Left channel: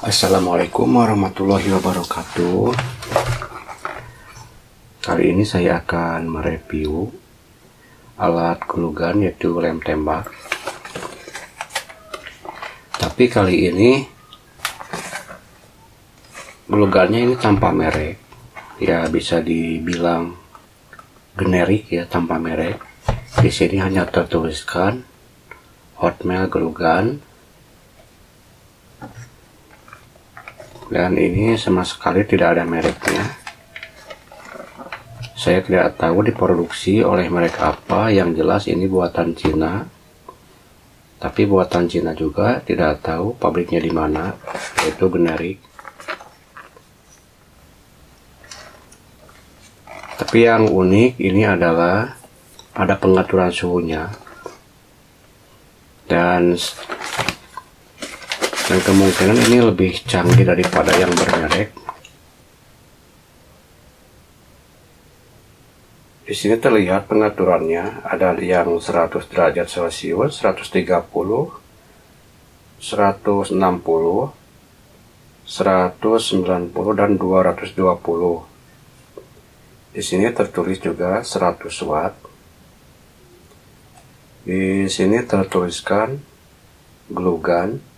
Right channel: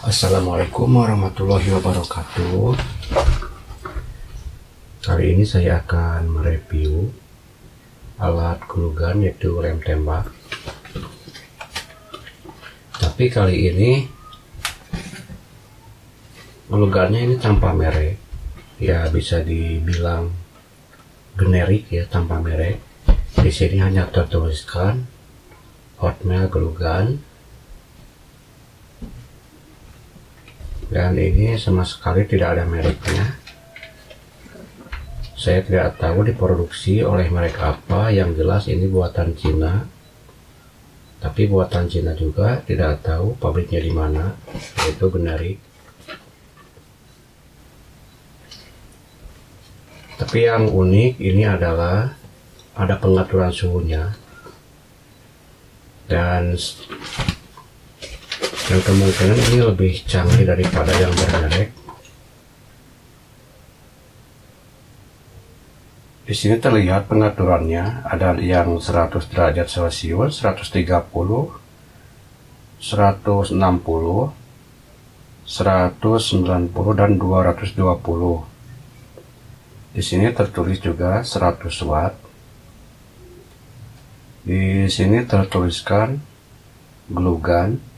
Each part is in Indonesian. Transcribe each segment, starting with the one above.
Assalamualaikum warahmatullahi wabarakatuh. Kali ini saya akan mereview alat glue gun, yaitu lem tembak. Tapi kali ini glue gunnya ini tanpa merek, ya bisa dibilang generik ya, tanpa merek. Di sini hanya tertuliskan Hotmail glue gun. Dan ini sama sekali tidak ada mereknya. Saya tidak tahu diproduksi oleh merek apa, yang jelas ini buatan Cina. Tapi buatan Cina juga, tidak tahu pabriknya di mana, yaitu generik. Tapi yang unik ini adalah ada pengaturan suhunya. Dan kemungkinan ini lebih canggih daripada yang bermerek. Di sini terlihat pengaturannya, ada yang 100 derajat Celcius, 130, 160, 190 dan 220. Di sini tertulis juga 100 watt. Di sini tertuliskan glue gun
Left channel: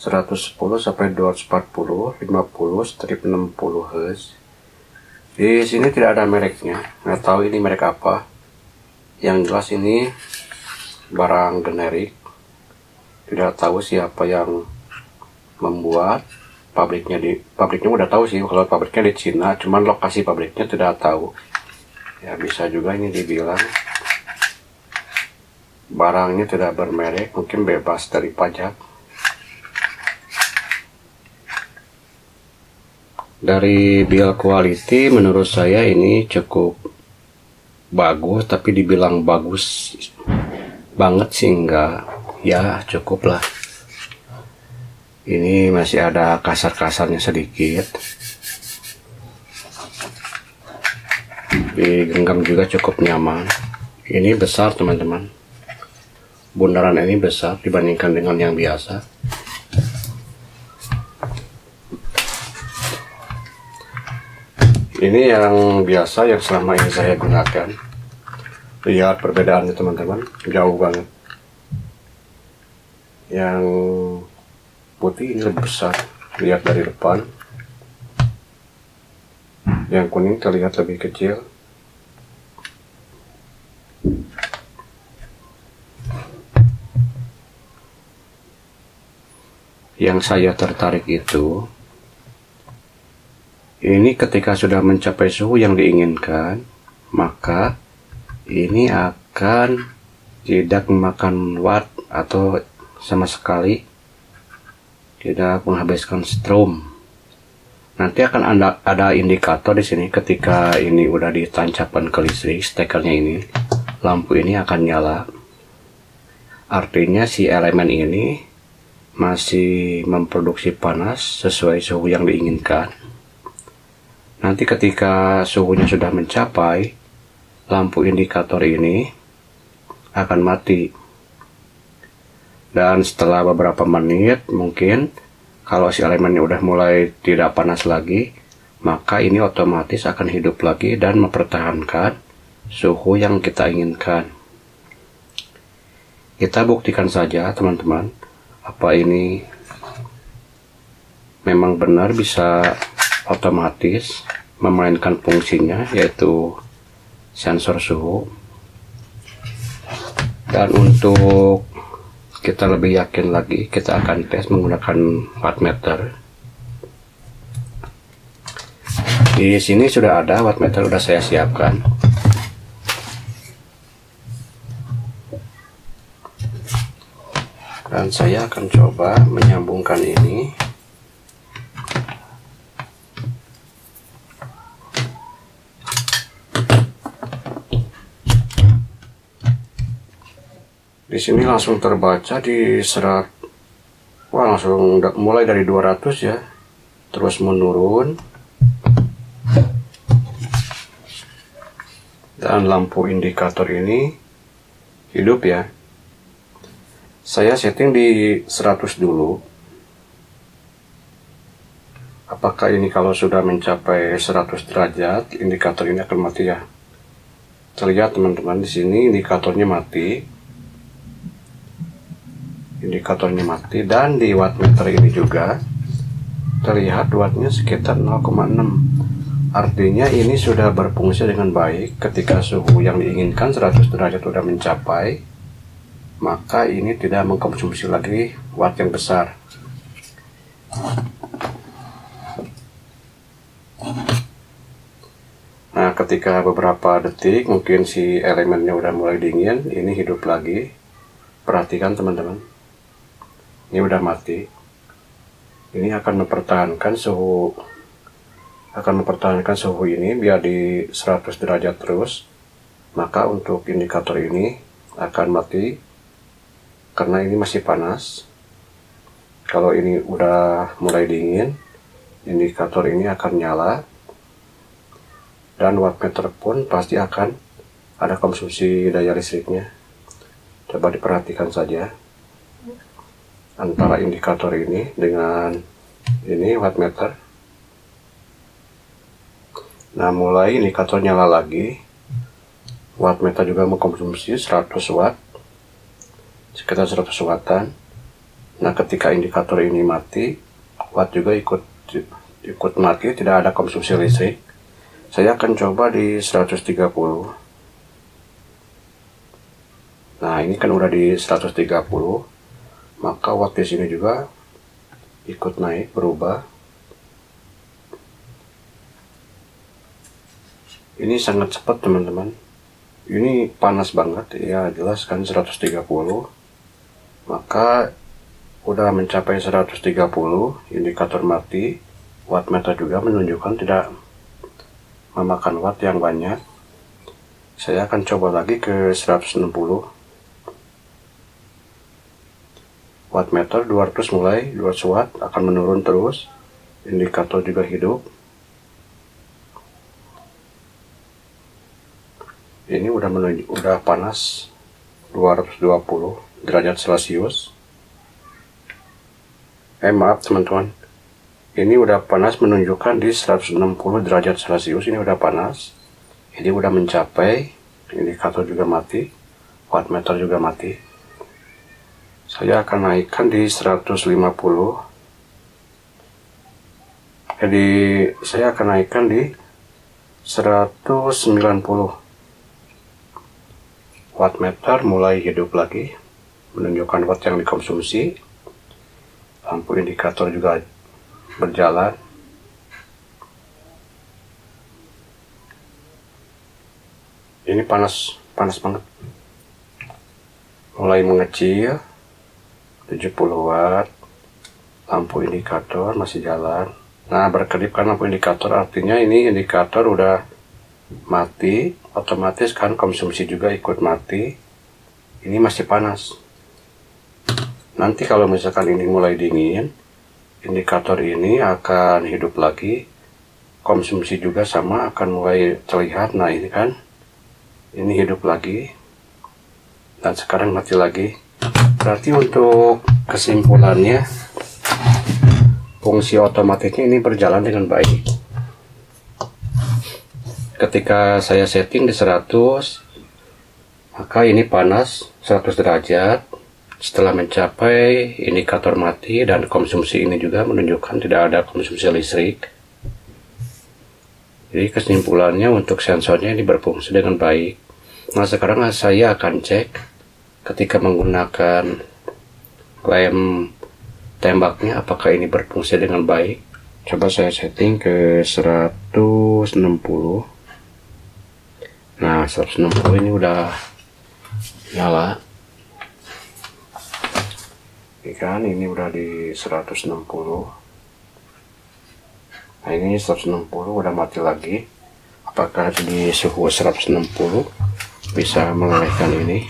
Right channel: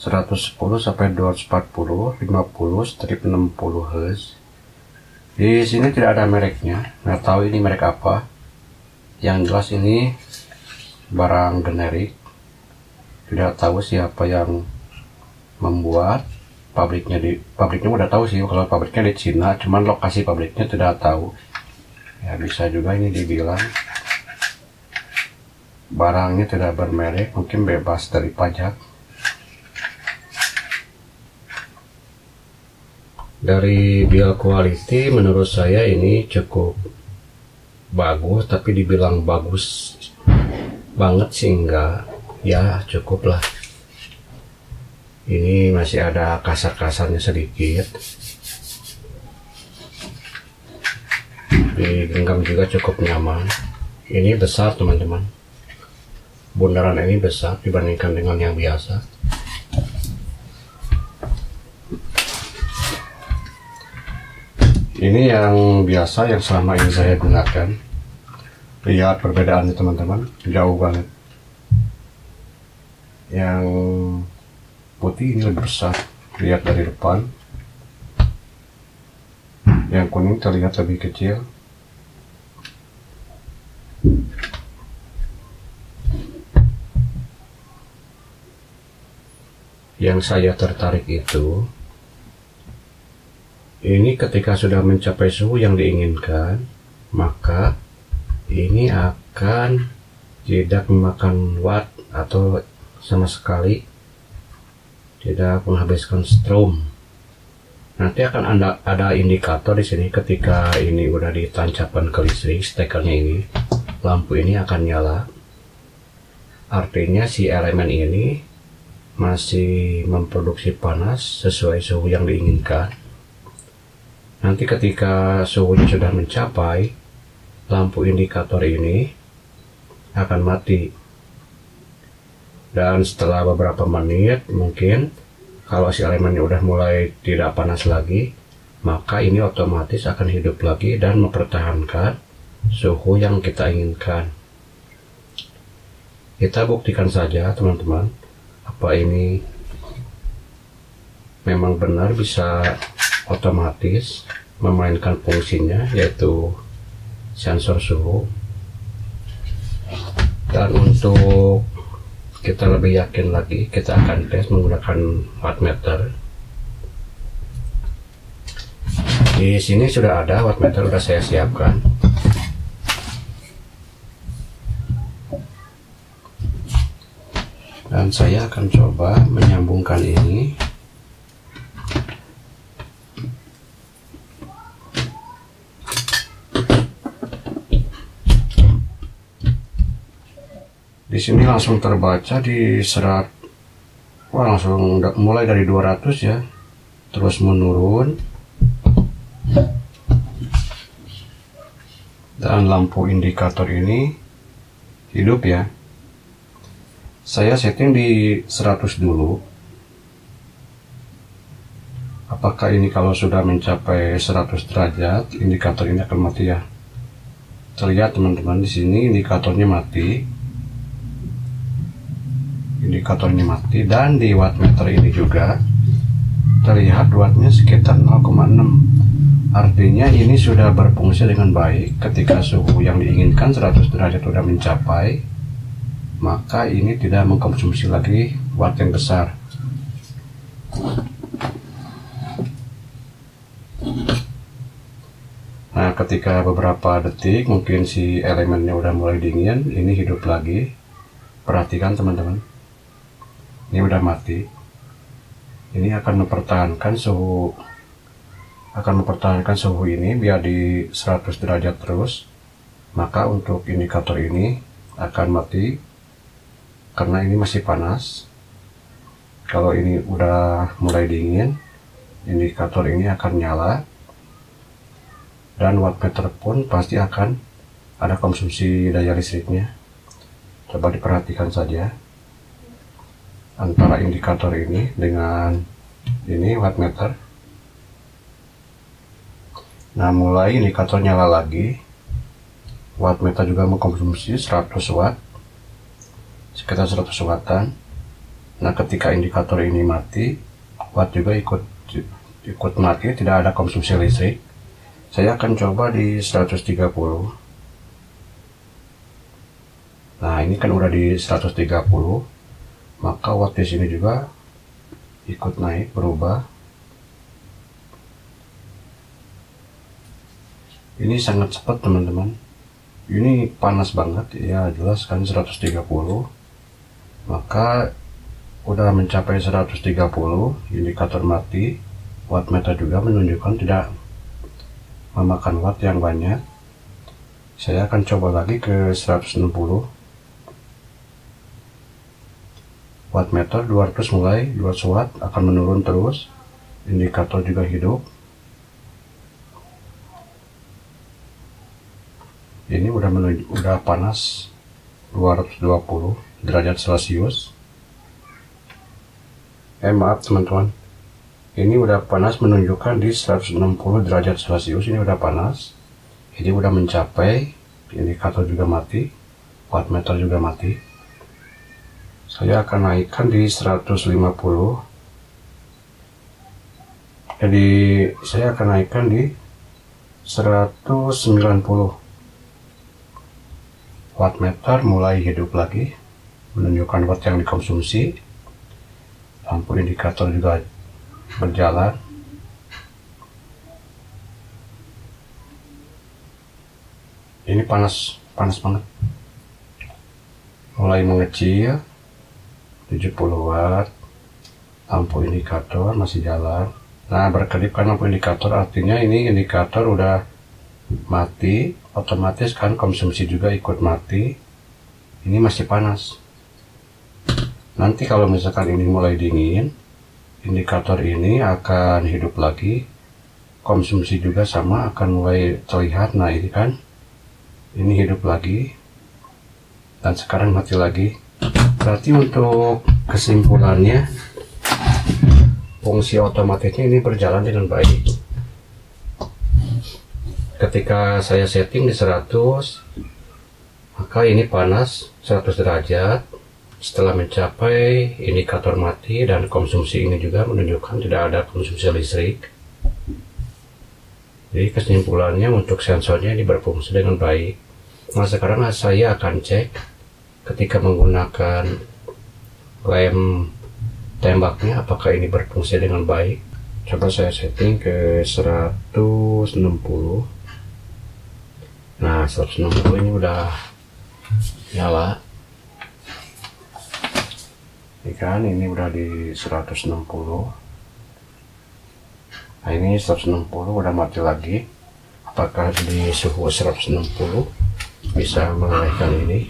110 sampai 240, 50/60 Hz. Di sini tidak ada mereknya, nggak tahu ini merek apa. Yang jelas ini barang generik. Tidak tahu siapa yang membuat. Pabriknya udah tahu sih, kalau pabriknya di Cina, cuman lokasi pabriknya tidak tahu. Ya bisa juga ini dibilang barangnya tidak bermerek, mungkin bebas dari pajak. Dari build quality menurut saya ini cukup bagus, tapi dibilang bagus banget sih enggak, ya cukup lah. Ini masih ada kasar-kasarnya sedikit. Digenggam juga cukup nyaman. Ini besar teman-teman, bundaran ini besar dibandingkan dengan yang biasa. Ini yang biasa, yang selama ini saya gunakan. Lihat perbedaannya teman-teman, jauh banget. Yang putih ini lebih besar, lihat dari depan. Yang kuning terlihat lebih kecil. Yang saya tertarik itu, ini ketika sudah mencapai suhu yang diinginkan, maka ini akan tidak memakan watt atau sama sekali tidak menghabiskan strom. Nanti akan ada indikator di sini ketika ini udah ditancapkan ke listrik, stekernya ini, lampu ini akan nyala. Artinya si elemen ini masih memproduksi panas sesuai suhu yang diinginkan. Nanti ketika suhunya sudah mencapai, lampu indikator ini akan mati. Dan setelah beberapa menit, mungkin kalau si elemennya udah mulai tidak panas lagi, maka ini otomatis akan hidup lagi dan mempertahankan suhu yang kita inginkan. Kita buktikan saja teman-teman, apa ini memang benar bisa otomatis memainkan fungsinya, yaitu sensor suhu. Dan untuk kita lebih yakin lagi, kita akan tes menggunakan wattmeter. Di sini sudah ada wattmeter, sudah saya siapkan. Dan saya akan coba menyambungkan ini. Di sini langsung terbaca di serat. Wah, langsung mulai dari 200 ya, terus menurun. Dan lampu indikator ini hidup ya. Saya setting di 100 dulu. Apakah ini kalau sudah mencapai 100 derajat indikator ini akan mati ya? Terlihat teman-teman, di sini indikatornya mati. Indikatornya mati, dan di wattmeter ini juga terlihat wattnya sekitar 0,6. Artinya ini sudah berfungsi dengan baik. Ketika suhu yang diinginkan 100 derajat sudah mencapai, maka ini tidak mengkonsumsi lagi watt yang besar. Nah, ketika beberapa detik mungkin si elemennya udah mulai dingin, ini hidup lagi. Perhatikan teman-teman, ini udah mati. Ini akan mempertahankan suhu ini biar di 100 derajat terus. Maka untuk indikator ini akan mati karena ini masih panas. Kalau ini udah mulai dingin, indikator ini akan nyala, dan wattmeter pun pasti akan ada konsumsi daya listriknya. Coba diperhatikan saja antara indikator ini dengan ini wattmeter. Nah, mulai indikator nyala lagi, wattmeter juga mengkonsumsi 100 watt, sekitar 100 wattan. Nah, ketika indikator ini mati, watt juga ikut mati, tidak ada konsumsi listrik. Saya akan coba di 130. Nah, ini kan udah di 130, maka watt di sini juga ikut naik, berubah. Ini sangat cepat teman-teman. Ini panas banget ya, jelas kan 130. Maka udah mencapai 130, indikator mati, wattmeter juga menunjukkan tidak memakan watt yang banyak. Saya akan coba lagi ke 160. Wattmeter 200 mulai 200 watt akan menurun terus, indikator juga hidup. Ini udah panas 220 derajat Celcius. Maaf teman-teman, ini udah panas menunjukkan di 160 derajat Celcius. Ini udah panas, ini udah mencapai, indikator juga mati, wattmeter juga mati. Saya akan naikkan di 150. Jadi saya akan naikkan di 190. Wattmeter mulai hidup lagi, menunjukkan watt yang dikonsumsi. Lampu indikator juga berjalan. Ini panas banget. Mulai mengecil, 70 watt. Lampu indikator masih jalan. Nah, berkedip kan lampu indikator, artinya ini indikator udah mati, otomatis kan konsumsi juga ikut mati. Ini masih panas. Nanti kalau misalkan ini mulai dingin, indikator ini akan hidup lagi, konsumsi juga sama akan mulai terlihat. Nah, ini kan, ini hidup lagi, dan sekarang mati lagi. Berarti untuk kesimpulannya, fungsi otomatisnya ini berjalan dengan baik. Ketika saya setting di 100, maka ini panas 100 derajat. Setelah mencapai, indikator mati, dan konsumsi ini juga menunjukkan tidak ada konsumsi listrik. Jadi kesimpulannya untuk sensornya ini berfungsi dengan baik. Nah, sekarang saya akan cek ketika menggunakan lem tembaknya apakah ini berfungsi dengan baik. Coba saya setting ke 160. Nah, 160 ini udah nyala. Ini kan, ini udah di 160. Nah, ini 160 udah mati lagi. Apakah di suhu 160 bisa melelehkan ini?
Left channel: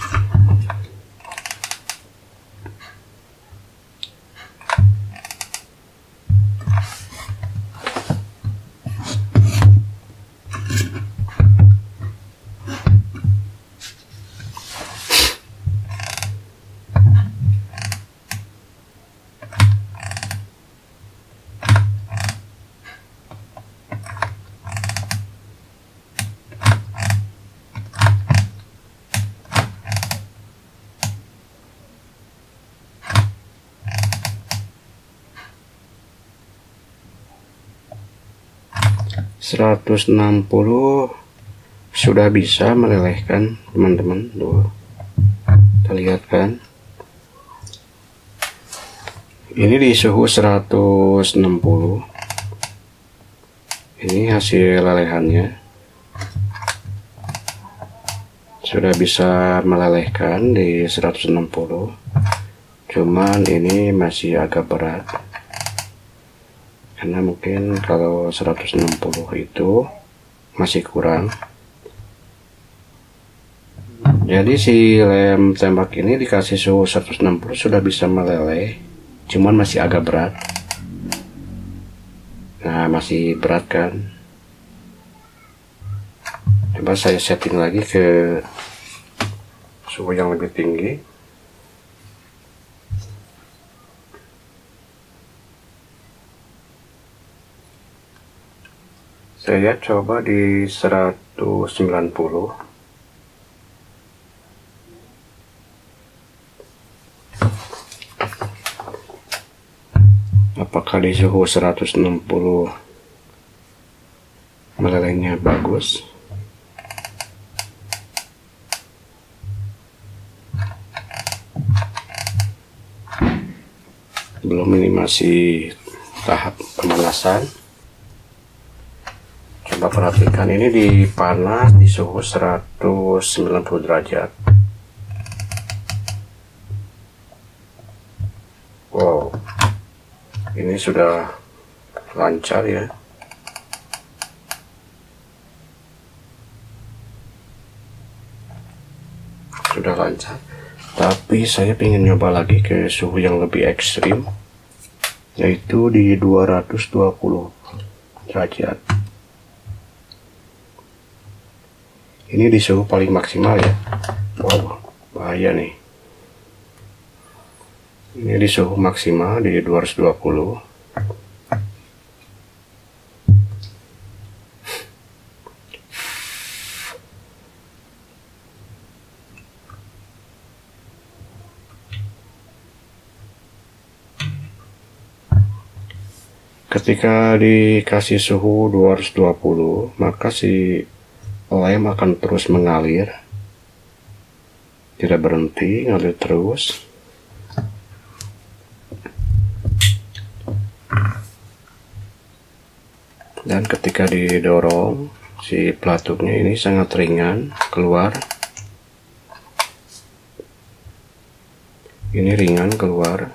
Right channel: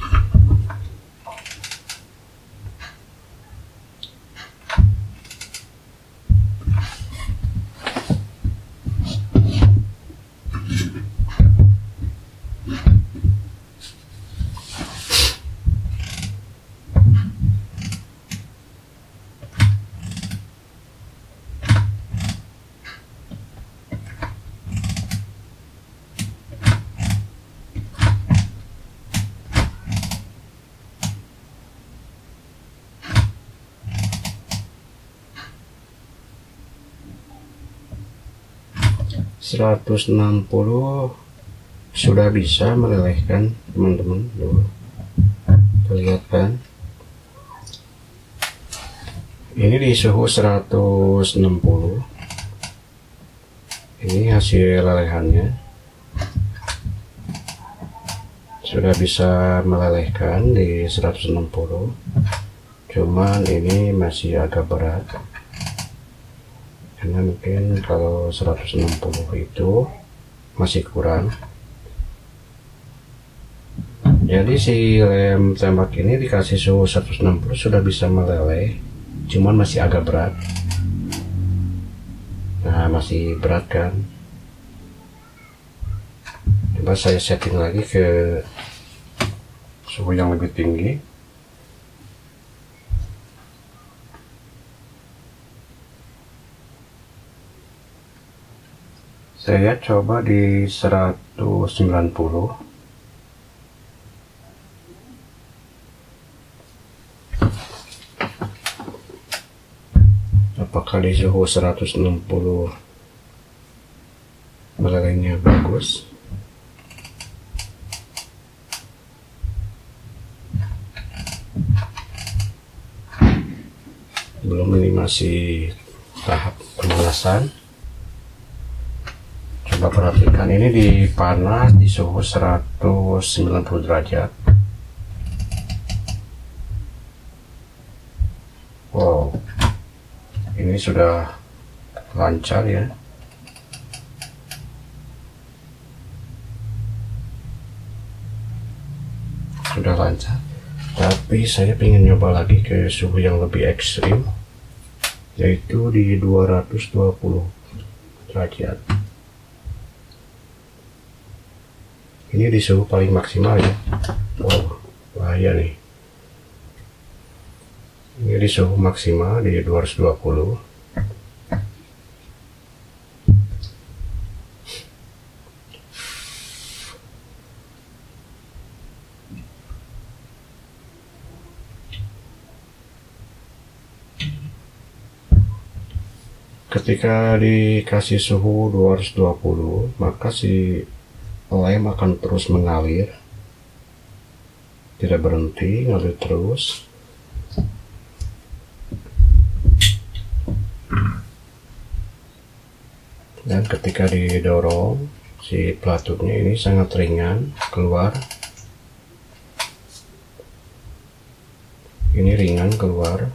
160 sudah bisa melelehkan teman-teman. Tuh, kita lihat kan, ini di suhu 160. Ini hasil lelehannya, sudah bisa melelehkan di 160. Cuman ini masih agak berat karena mungkin kalau 160 itu masih kurang. Jadi si lem tembak ini dikasih suhu 160 sudah bisa meleleh, cuman masih agak berat. Nah, masih berat kan. Coba saya setting lagi ke suhu yang lebih tinggi. Saya coba di 190. Apakah di suhu 160 melelehnya bagus? Belum, ini masih tahap pemanasan. Coba perhatikan, ini dipanas di suhu 190 derajat. Wow, ini sudah lancar ya. Sudah lancar. Tapi saya ingin nyoba lagi ke suhu yang lebih ekstrim, yaitu di 220 derajat. Ini di suhu paling maksimal ya. Wow, bahaya nih. Ini di suhu maksimal di 220. Ketika dikasih suhu 220, maka si lem akan terus mengalir, tidak berhenti, ngalir terus. Dan ketika didorong, si pelatupnya ini sangat ringan keluar. Ini ringan keluar.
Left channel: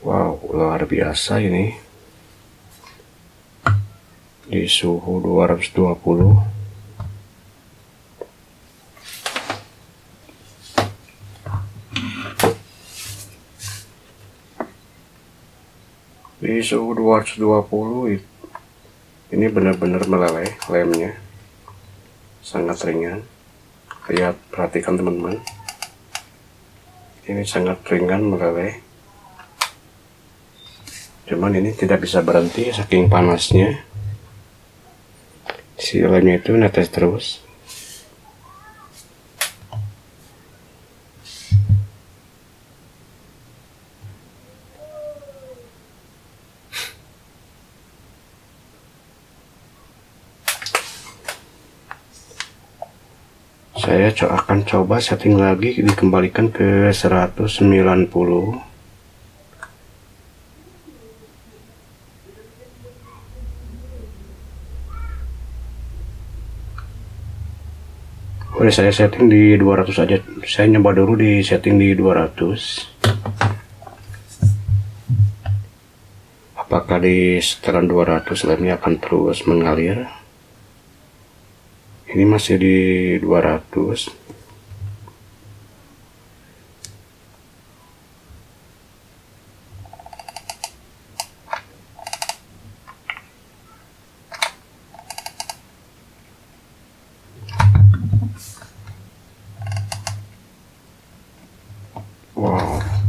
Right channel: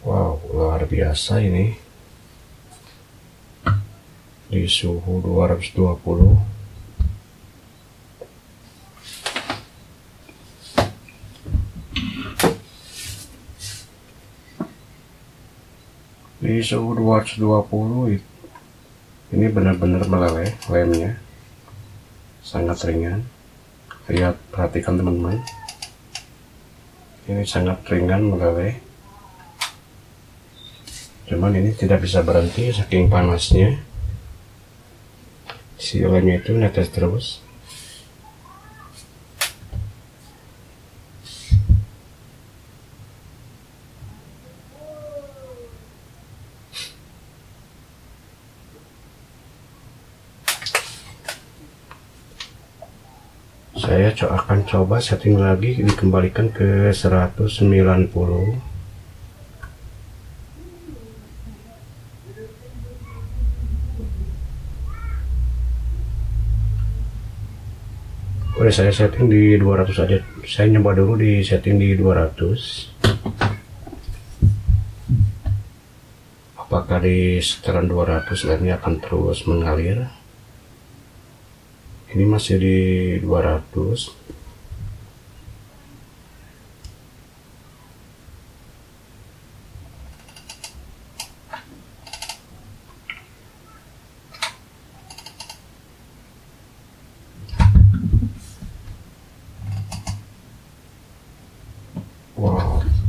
Wow, luar biasa ini. Di suhu 220. Di suhu 220 ini benar-benar meleleh lemnya. Sangat ringan. Lihat, perhatikan teman-teman. Ini sangat ringan meleleh. Cuman ini tidak bisa berhenti saking panasnya. Si lemnya itu netes terus. Saya akan coba setting lagi, dikembalikan ke 190. Udah saya setting di 200 aja. Saya nyoba dulu di setting di 200. Apakah di setelan 200 lemnya akan terus mengalir? Ini masih di 200.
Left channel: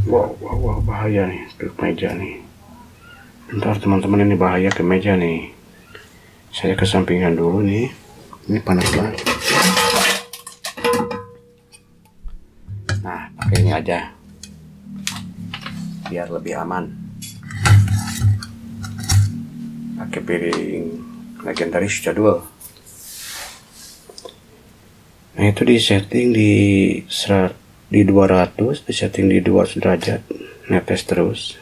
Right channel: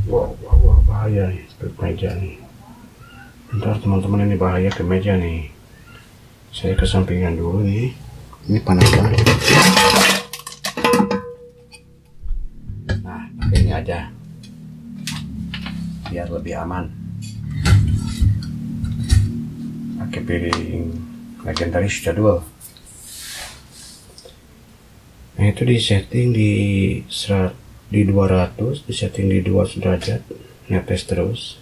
Wow, bahaya nih ke meja nih. Bentar teman-teman, ini bahaya ke meja nih. Saya kesampingan dulu nih. Ini panas banget. Nah, pakai ini aja biar lebih aman. pakai piring legendaris jadwal. Nah itu di setting di 200, di setting di 200 derajat, netes terus.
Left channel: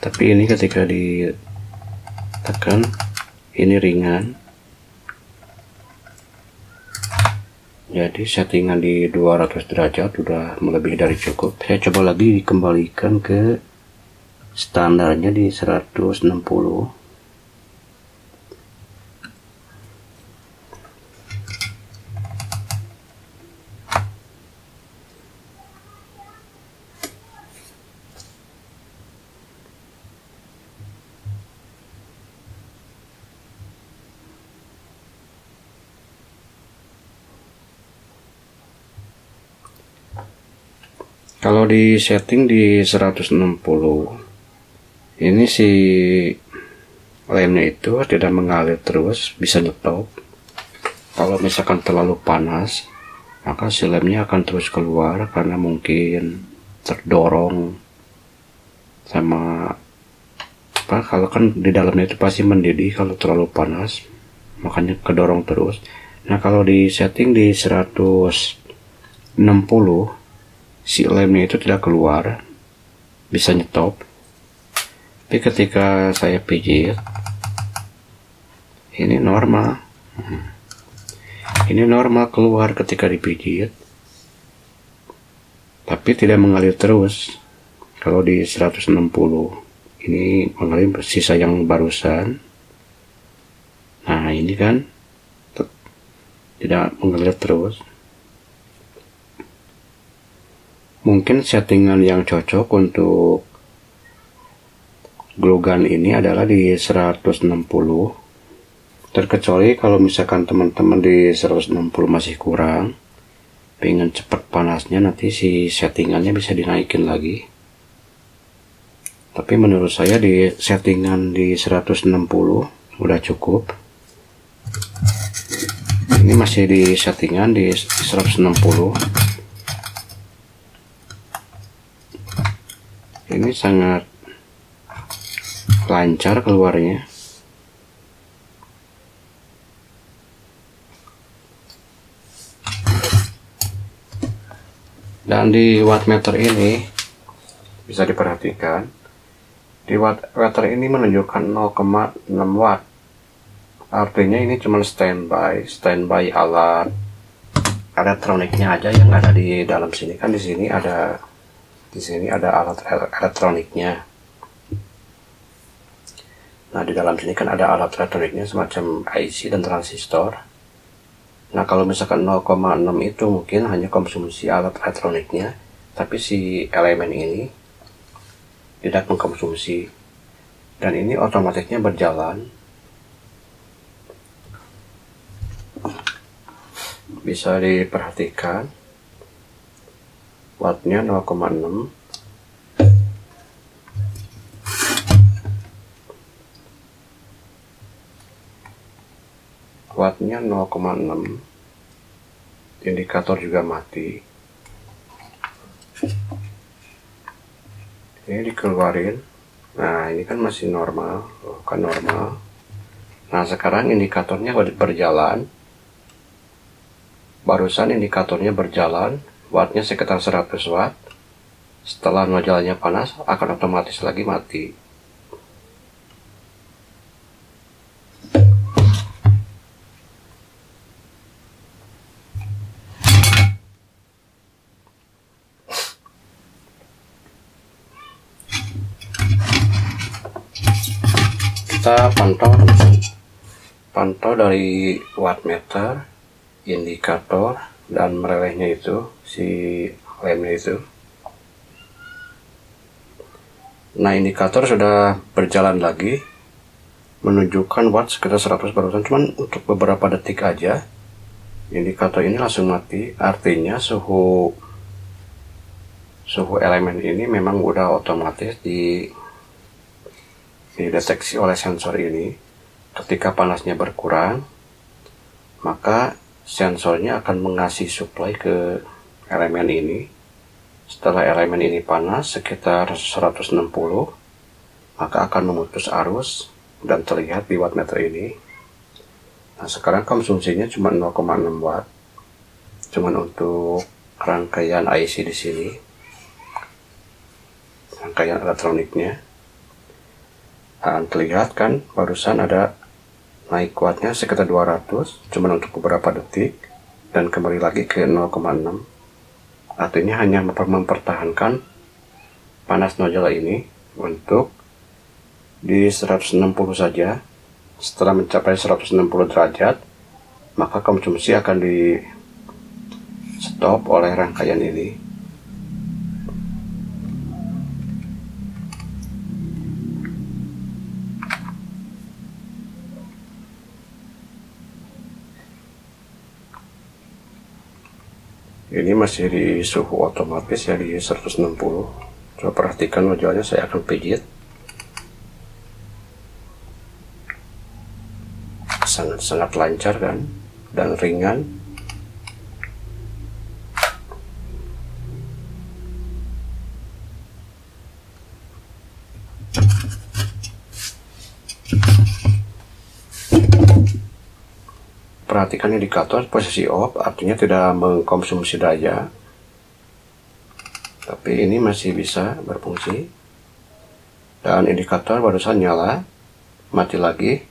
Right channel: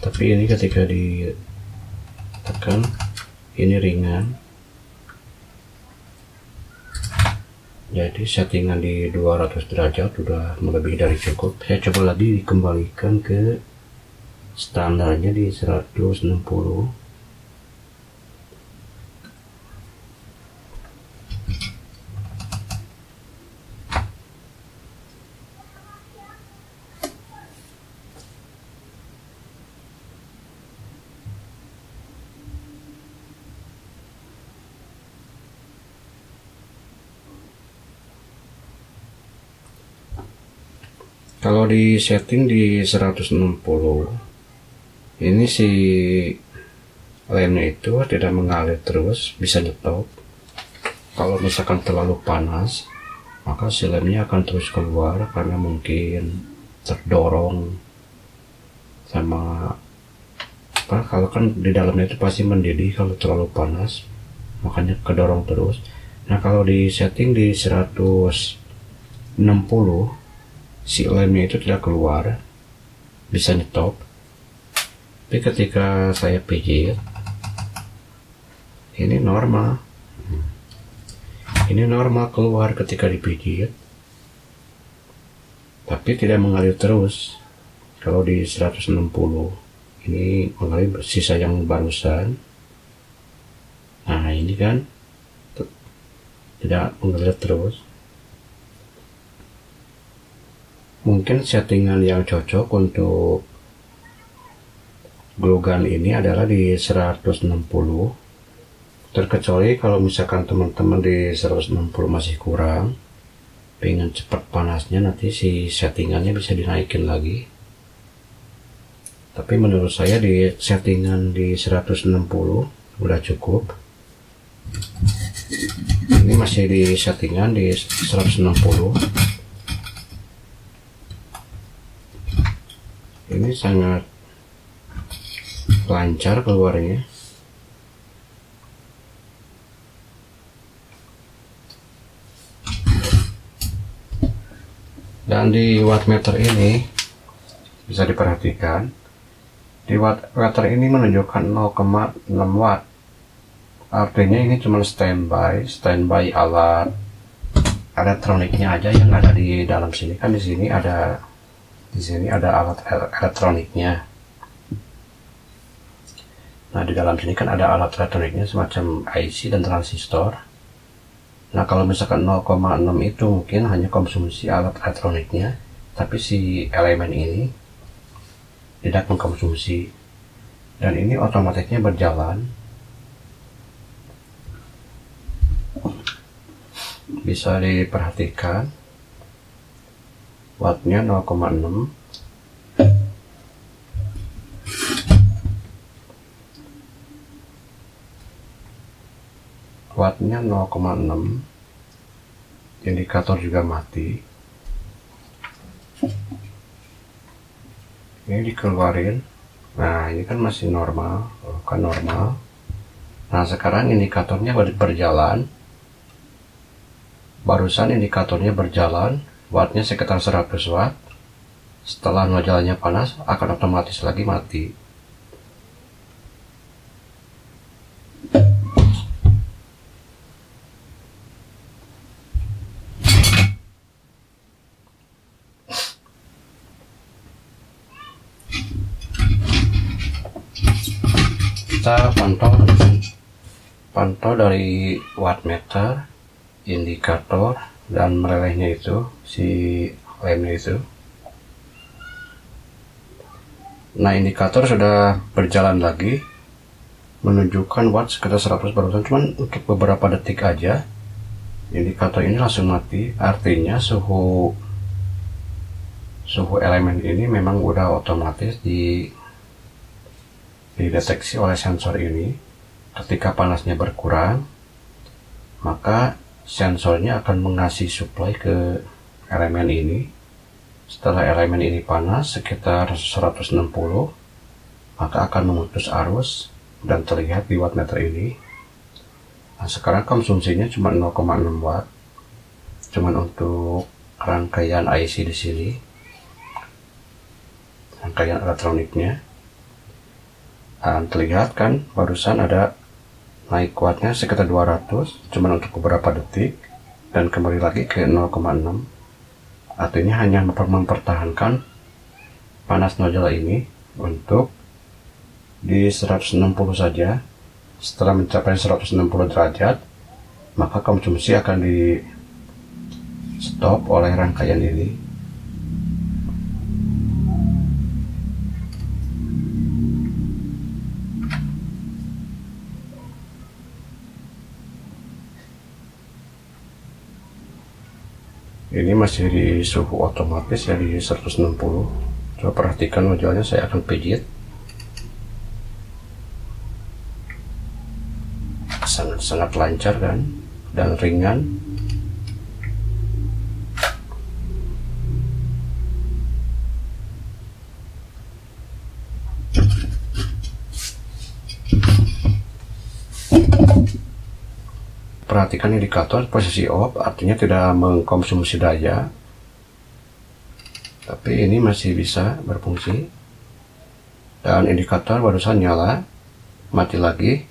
Tapi ini ketika ditekan ini ringan, jadi settingan di 200 derajat udah melebihi dari cukup. Saya coba lagi dikembalikan ke standarnya di 160. Kalau di setting di 160, ini si lemnya itu tidak mengalir terus, bisa nyetop. Kalau misalkan terlalu panas, maka si lemnya akan terus keluar karena mungkin terdorong sama apa, kalau kan di dalamnya itu pasti mendidih kalau terlalu panas, makanya kedorong terus. Nah kalau di setting di 160, si lemnya itu tidak keluar, bisa nyetop. Tapi ketika saya pijit, ini normal. Ini normal keluar ketika dipijit, tapi tidak mengalir terus. Kalau di 160, ini mengalir sisa yang barusan. Nah ini kan tidak mengalir terus. Mungkin settingan yang cocok untuk glue gun ini adalah di 160. Terkecuali kalau misalkan teman-teman di 160 masih kurang, pengen cepat panasnya, nanti si settingannya bisa dinaikin lagi. Tapi menurut saya di settingan di 160 udah cukup. Ini masih di settingan di 160. Ini sangat lancar keluarnya. Dan di wattmeter ini bisa diperhatikan, di wattmeter ini menunjukkan 0,6 watt. Artinya ini cuma standby alat elektroniknya aja yang ada di dalam sini. Kan di sini ada alat elektroniknya. Nah di dalam sini kan ada alat elektroniknya semacam IC dan transistor. Nah kalau misalkan 0,6 itu mungkin hanya konsumsi alat elektroniknya, tapi si elemen ini tidak mengkonsumsi, dan ini otomatisnya berjalan. Bisa diperhatikan wattnya 0,6. Wattnya 0,6. Indikator juga mati. Ini dikeluarin. Nah ini kan masih normal, kan normal. Nah sekarang indikatornya berjalan. Barusan indikatornya berjalan, wattnya sekitar 100 watt. Setelah nozzle-nya panas, akan otomatis lagi mati. Kita pantau dari wattmeter, indikator, dan melelehnya itu, si lemnya itu. Nah indikator sudah berjalan lagi, menunjukkan watt sekitar 100 barusan, cuman untuk beberapa detik aja indikator ini langsung mati. Artinya suhu elemen ini memang udah otomatis dideteksi oleh sensor ini. Ketika panasnya berkurang, maka sensornya akan mengasih supply ke elemen ini. Setelah elemen ini panas sekitar 160, maka akan memutus arus dan terlihat di wattmeter ini. Nah, sekarang konsumsinya cuma 0,6 watt. Cuman untuk rangkaian IC di sini, rangkaian elektroniknya. Dan terlihat kan barusan ada naik wattnya sekitar 200, cuman untuk beberapa detik, dan kembali lagi ke 0,6. Artinya hanya mempertahankan panas nozzle ini untuk di 160 saja. Setelah mencapai 160 derajat, maka konsumsi akan di stop oleh rangkaian ini. Ini masih di suhu otomatis ya, di 160. Coba perhatikan nozzle-nya, saya akan pijit. Sangat-sangat lancar kan, dan ringan. Perhatikan indikator posisi off, artinya tidak mengkonsumsi daya, tapi ini masih bisa berfungsi. Dan indikator barusan nyala, mati lagi.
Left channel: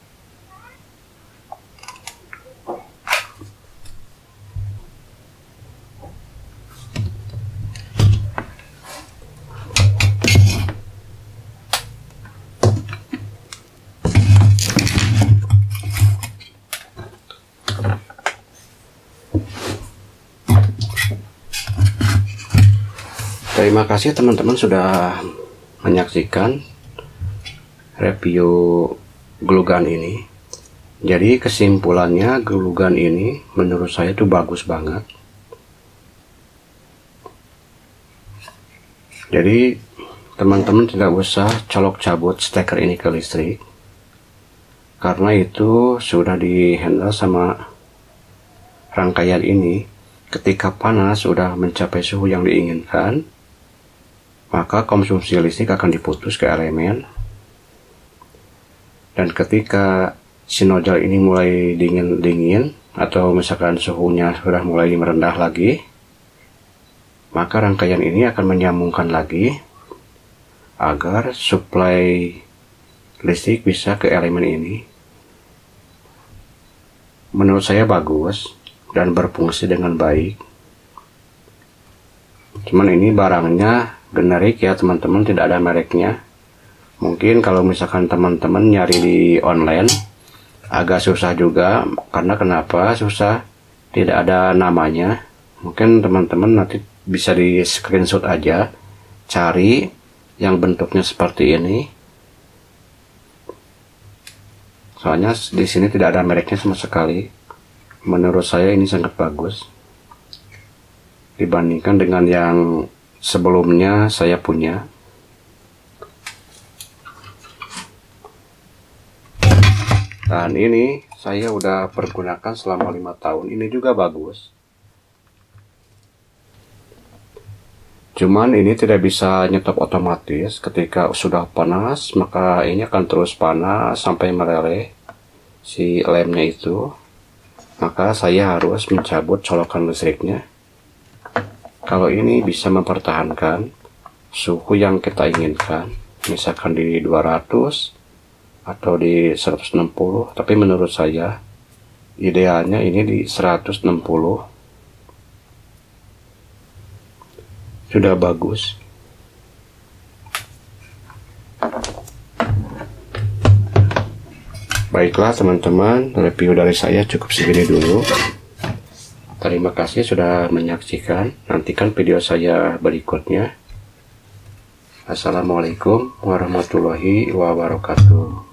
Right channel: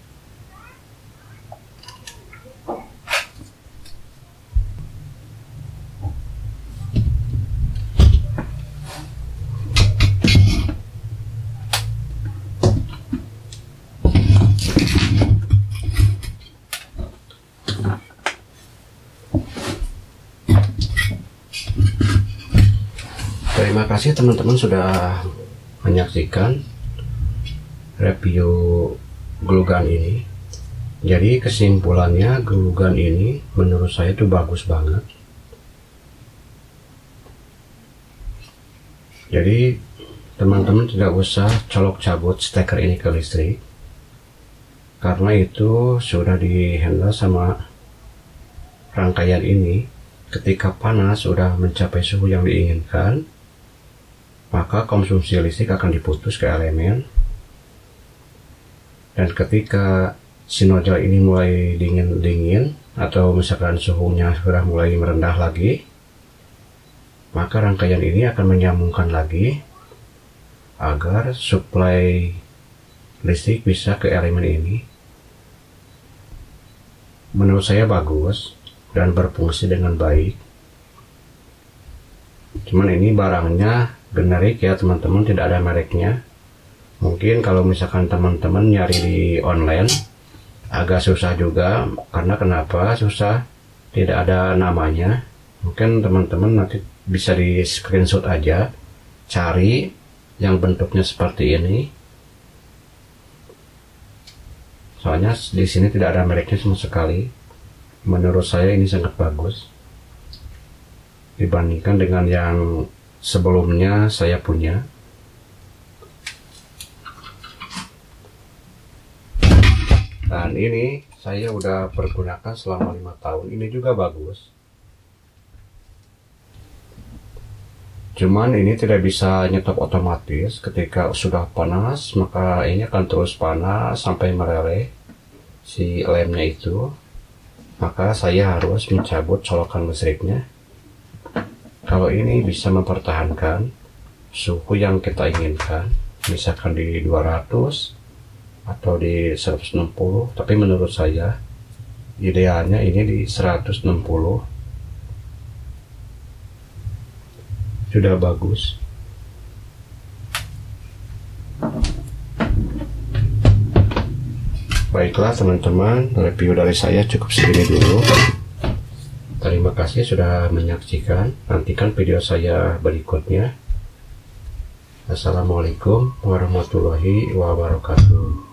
Terima kasih teman-teman sudah menyaksikan review glue gun ini. Jadi kesimpulannya, glue gun ini menurut saya itu bagus banget. Jadi teman-teman tidak usah colok cabut steker ini ke listrik, karena itu sudah dihandle sama rangkaian ini. Ketika panas sudah mencapai suhu yang diinginkan, maka konsumsi listrik akan diputus ke elemen. Dan ketika si nozzle ini mulai dingin-dingin, atau misalkan suhunya sudah mulai merendah lagi, maka rangkaian ini akan menyambungkan lagi agar suplai listrik bisa ke elemen ini. Menurut saya bagus dan berfungsi dengan baik. Cuman ini barangnya generik ya teman-teman, tidak ada mereknya. Mungkin kalau misalkan teman-teman nyari di online agak susah juga. Karena kenapa susah? Tidak ada namanya. Mungkin teman-teman nanti bisa di screenshot aja, cari yang bentuknya seperti ini. Soalnya di sini tidak ada mereknya sama sekali. Menurut saya ini sangat bagus dibandingkan dengan yang sebelumnya saya punya. Dan ini saya udah pergunakan selama 5 tahun. Ini juga bagus. Cuman ini tidak bisa nyetop otomatis. Ketika sudah panas, maka ini akan terus panas sampai meleleh si lemnya itu. Maka saya harus mencabut colokan listriknya. Kalau ini bisa mempertahankan suhu yang kita inginkan, misalkan di 200 atau di 160, tapi menurut saya idealnya ini di 160 sudah bagus. Baiklah teman-teman, review dari saya cukup segini dulu. Terima kasih sudah menyaksikan. Nantikan video saya berikutnya. Assalamualaikum warahmatullahi wabarakatuh.